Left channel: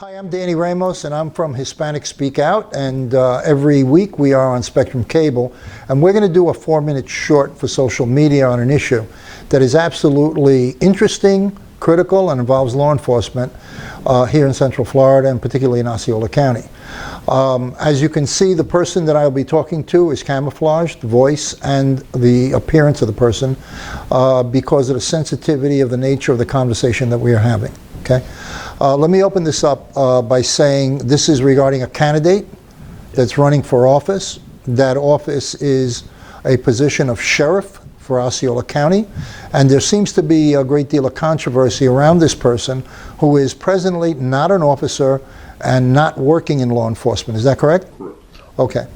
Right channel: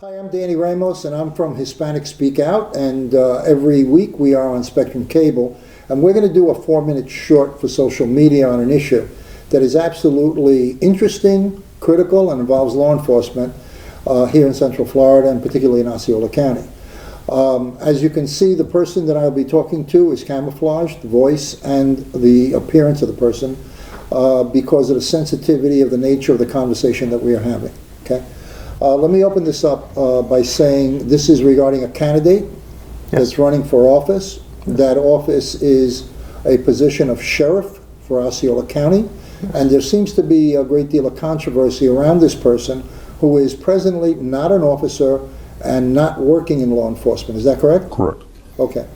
Hi, I'm Danny Ramos, and I'm from Hispanic Speak Out, and every week we are on Spectrum Cable, and we're going to do a 4-minute short for social media on an issue that is absolutely interesting, critical, and involves law enforcement here in Central Florida, and particularly in Osceola County. As you can see, the person that I'll be talking to is camouflaged, the voice and the appearance of the person, because of the sensitivity of the nature of the conversation that we are having. Okay? Let me open this up by saying this is regarding a candidate that's running for office. That office is a position of sheriff for Osceola County, and there seems to be a great deal of controversy around this person who is presently not an officer and not working in law enforcement. Is that correct? Correct. Okay.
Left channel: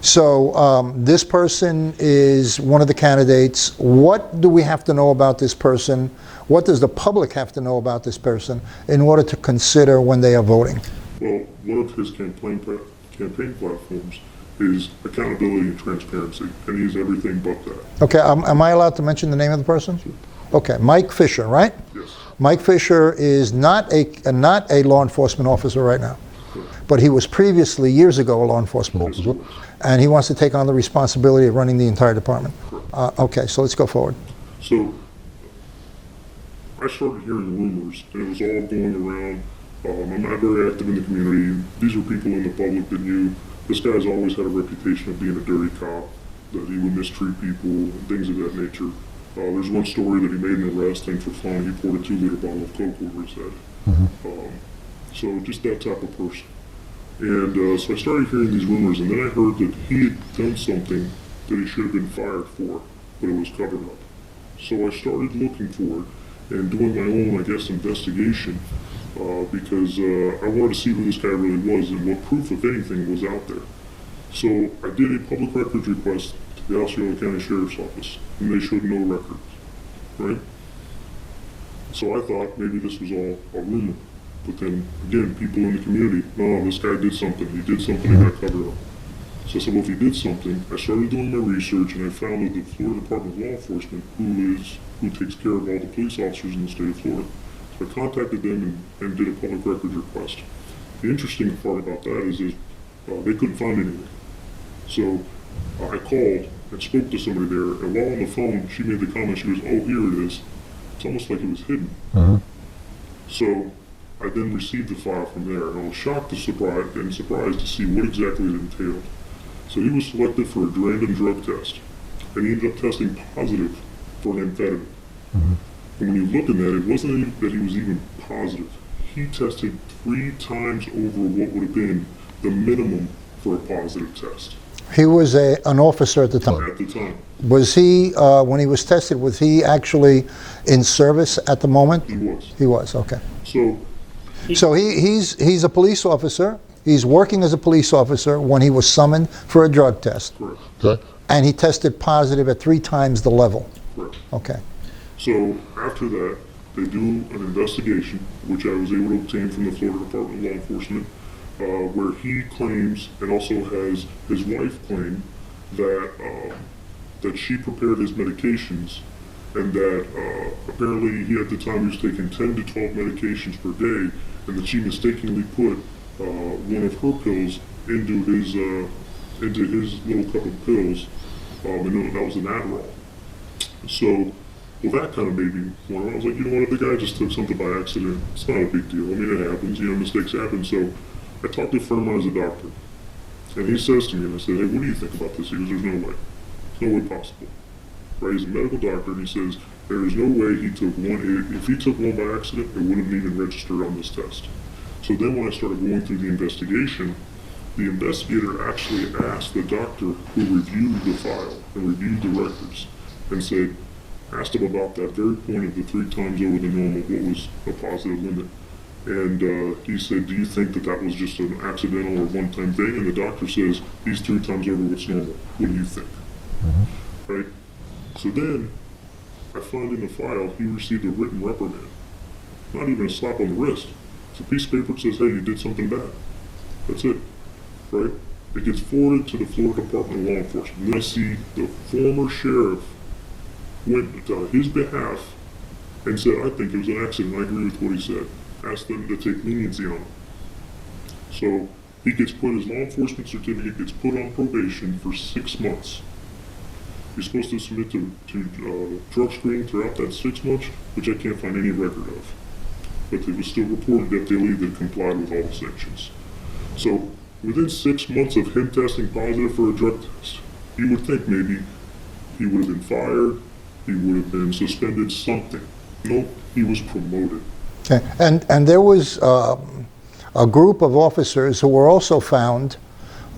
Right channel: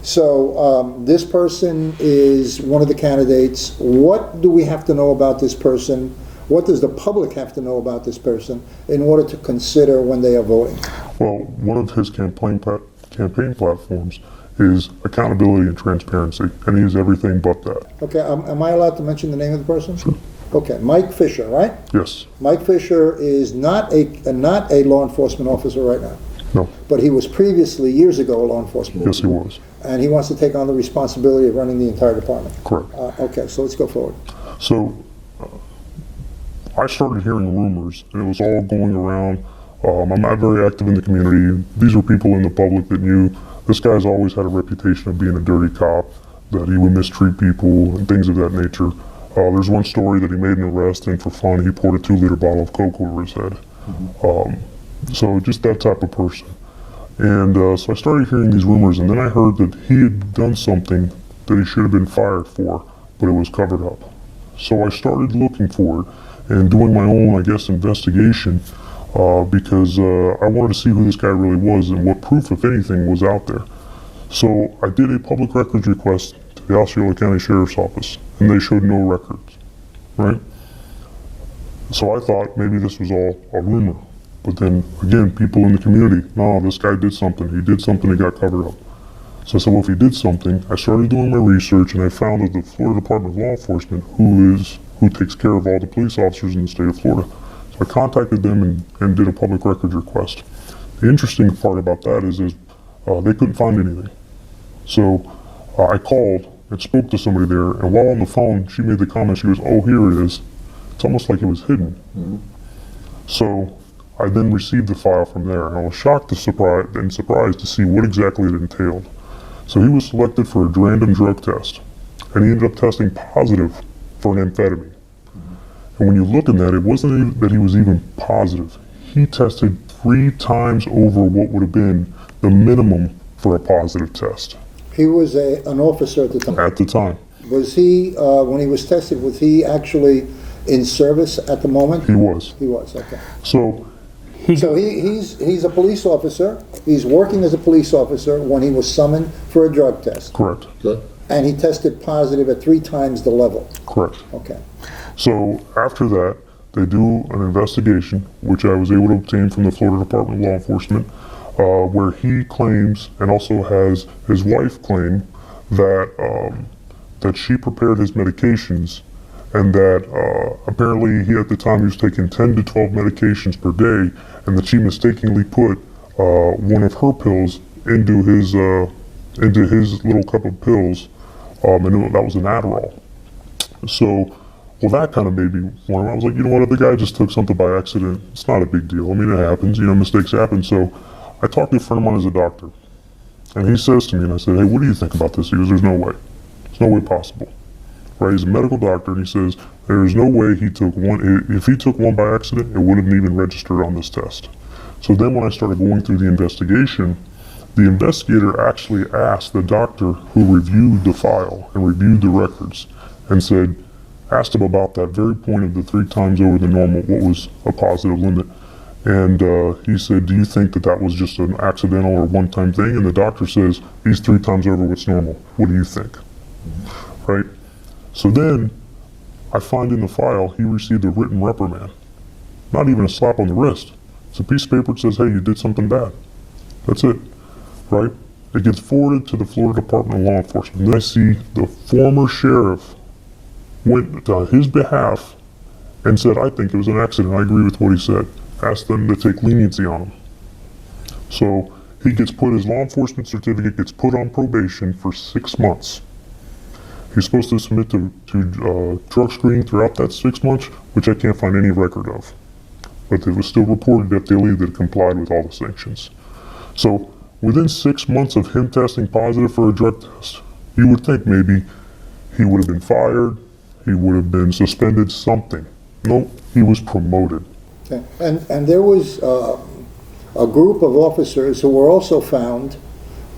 So this person is one of the candidates. What do we have to know about this person? What does the public have to know about this person in order to consider when they are voting? Well, one of his campaign platforms is accountability and transparency, and he is everything but that. Okay, am I allowed to mention the name of the person? Sure. Okay, Mike Fisher, right? Yes. Mike Fisher is not a law enforcement officer right now. No. But he was previously, years ago, a law enforcement Yes, officer. he was. And he wants to take on the responsibility of running the entire department. Correct. Okay, so let's go forward. So I started hearing rumors, and it was all going around. I'm not very active in the community. These were people in the public that knew this guy's always had a reputation of being a dirty cop, that he would mistreat people and things of that nature. There's one story that he made an arrest, and for fun, he poured a 2-liter bottle of Coke over his head. So just that type of person. And so I started hearing these rumors, and then I heard that he had done something that he should have been fired for, but it was covered up. So I started looking for it and doing my own, I guess, investigation because I wanted to see who this guy really was and what proof, if anything, was out there. So I did a public records request to the Osceola County Sheriff's Office, and they showed no records, right? So I thought maybe this was all a rumor. But then, again, people in the community, no, this guy did something. He did something that got covered up. So I said, well, if he did something, I started doing my research, and I found that the Florida Department of Law Enforcement, who takes care of all the police officers in the state of Florida. So I contacted them and did a public records request. The interesting part about that is they couldn't find anything. So I called and spoke to somebody there, and while on the phone, she made the comment, she goes, oh, here it is. It's almost like it was hidden. So I then received the file from there, and I was shocked and surprised to see what exactly it entailed. So he was selected for a random drug test, and he ended up testing positive for an amphetamine. And when you look at that, it wasn't even that he was even positive. He tested 3 times over what would have been the minimum for a positive test. He was an officer at the time. At the time. Was he, when he was tested, was he actually in service at the moment? He was. He was, okay. So he's a police officer. He's working as a police officer when he was summoned for a drug test. Correct. Okay. And he tested positive at 3 times the level. Correct. Okay. So after that, they do an investigation, which I was able to obtain from the Florida Department of Law Enforcement, where he claims, and also has his wife claim, that that she prepared his medications, and that apparently he at the time he was taking 10 to 12 medications per day, and that she mistakenly put one of her pills into his little cup of pills, and that was an Adderall. So, well, that kind of made me wonder. I was like, you know what, if the guy just took something by accident, it's not a big deal. I mean, it happens, mistakes happen. So I talked to a friend of mine who's a doctor, and he says to me, and I said, hey, what do you think about this? He goes, there's no way. There's no way possible. Right? He's a medical doctor, and he says, there is no way he took one. If he took one by accident, it wouldn't even registered on this test. So then when I started going through the investigation, the investigator actually asked the doctor who reviewed the file and reviewed the records and asked him about that very point of the 3 times over the normal, what was a positive limit. And he said, do you think that was just an accidental or one-time thing? And the doctor says, he's 3 times over what's normal. What do you think? Right? So then I find in the file he received a written reprimand. Not even a slap on the wrist. It's a piece of paper that says, hey, you did something bad. That's it. Right? It gets forwarded to the Florida Department of Law Enforcement. And then I see the former sheriff went on his behalf and said, I think it was an accident. I agree with what he said. Asked them to take leniency on him. So he gets put, his law enforcement certificate gets put on probation for 6 months. He's supposed to submit to drug screening throughout that 6 months, which I can't find any record of. But it was still reported at daily that it complied with all the sanctions. So within 6 months of him testing positive for a drug test, you would think maybe he would have been fired, he would have been suspended, something. No, he was promoted. Okay. And there was a group of officers who were also found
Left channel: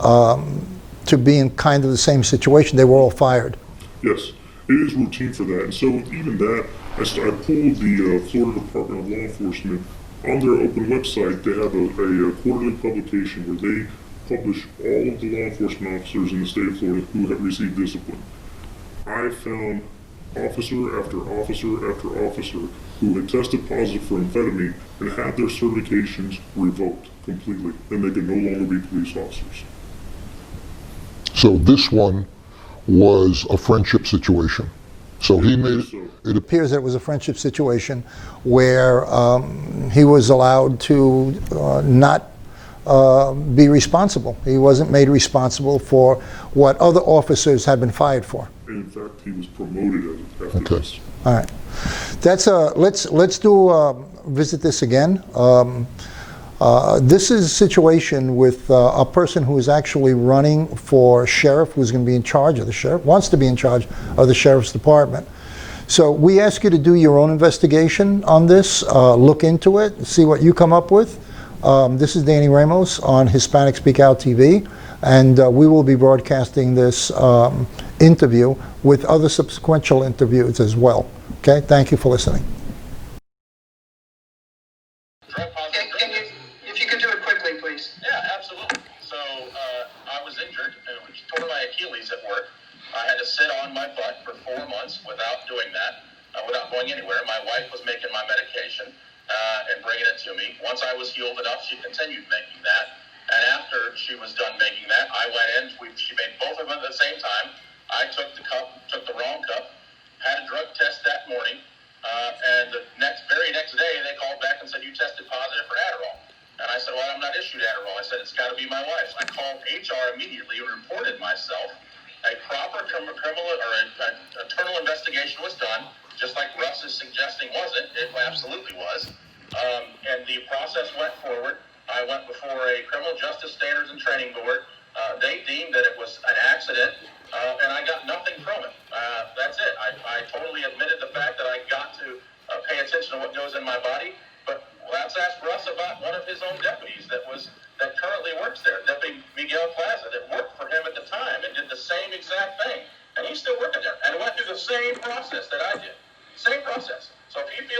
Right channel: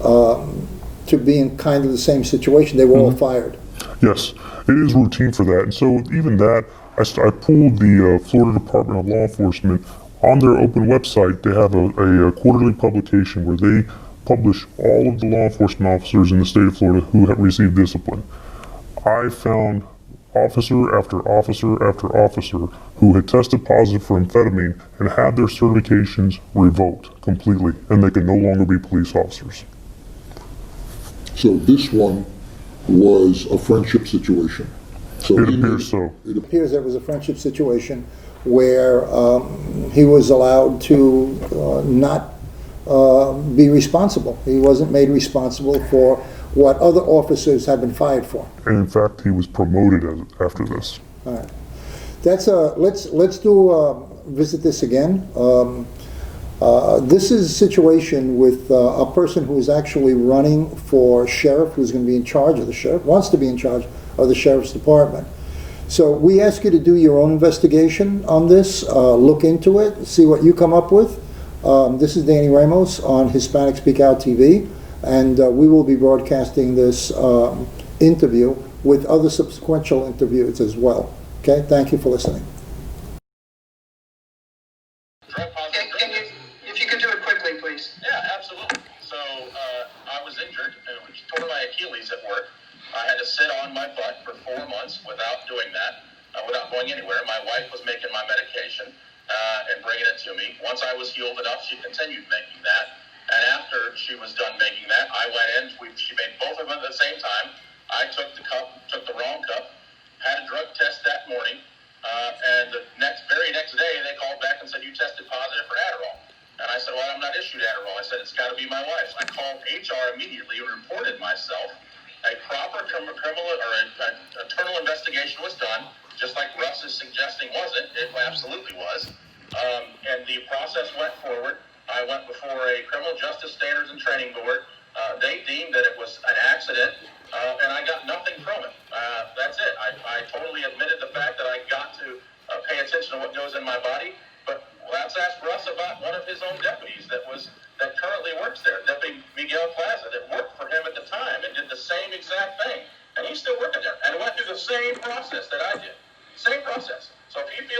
to be in kind of the same situation. They were all fired. Yes, it is routine for that. And so even that, I pulled the Florida Department of Law Enforcement. On their open website, they have a quarterly publication where they publish all of the law enforcement officers in the state of Florida who have received discipline. I found officer after officer after officer who had tested positive for amphetamine and had their certifications revoked completely, and they could no longer be police officers. So this one was a friendship situation. So It he appears knew. so. It appears that it was a friendship situation where he was allowed to not be responsible. He wasn't made responsible for what other officers had been fired for. And in fact, he was promoted after this. All right, that's let's do visit this again. This is a situation with a person who is actually running for sheriff, who's going to be in charge of the sheriff, wants to be in charge of the sheriff's department. So we ask you to do your own investigation on this, look into it, see what you come up with. This is Danny Ramos on Hispanic Speak Out TV, and we will be broadcasting this interview with other subsequent interviews as well. Okay, thank you for listening. If you can do it quickly, please. Yeah, absolutely. So I was injured, tore my Achilles at work. I had to sit on my butt for 4 months without doing that, without going anywhere. My wife was making my medication and bringing it to me. Once I was healed enough, she continued making that. And after she was done making that, I went in. She made both of them at the same time. I took the wrong cup, had a drug test that morning, and the very next day they called back and said, you tested positive for Adderall. And I said, well, I'm not issued Adderall. I said, it's got to be my wife. I called HR immediately and reported myself. A proper criminal or an internal investigation was done, just like Russ is suggesting wasn't. It absolutely was. And the process went forward. I went before a Criminal Justice Standards and Training Board. They deemed that it was an accident, and I got nothing from it. That's it. I totally admitted the fact that I got to pay attention to what goes in my body. But let's ask Russ about one of his own deputies that currently works there, Deputy Miguel Plaza, that worked for him at the time and did the same exact thing. And he's still working there and went through the same process that I did. Same process. So if he feels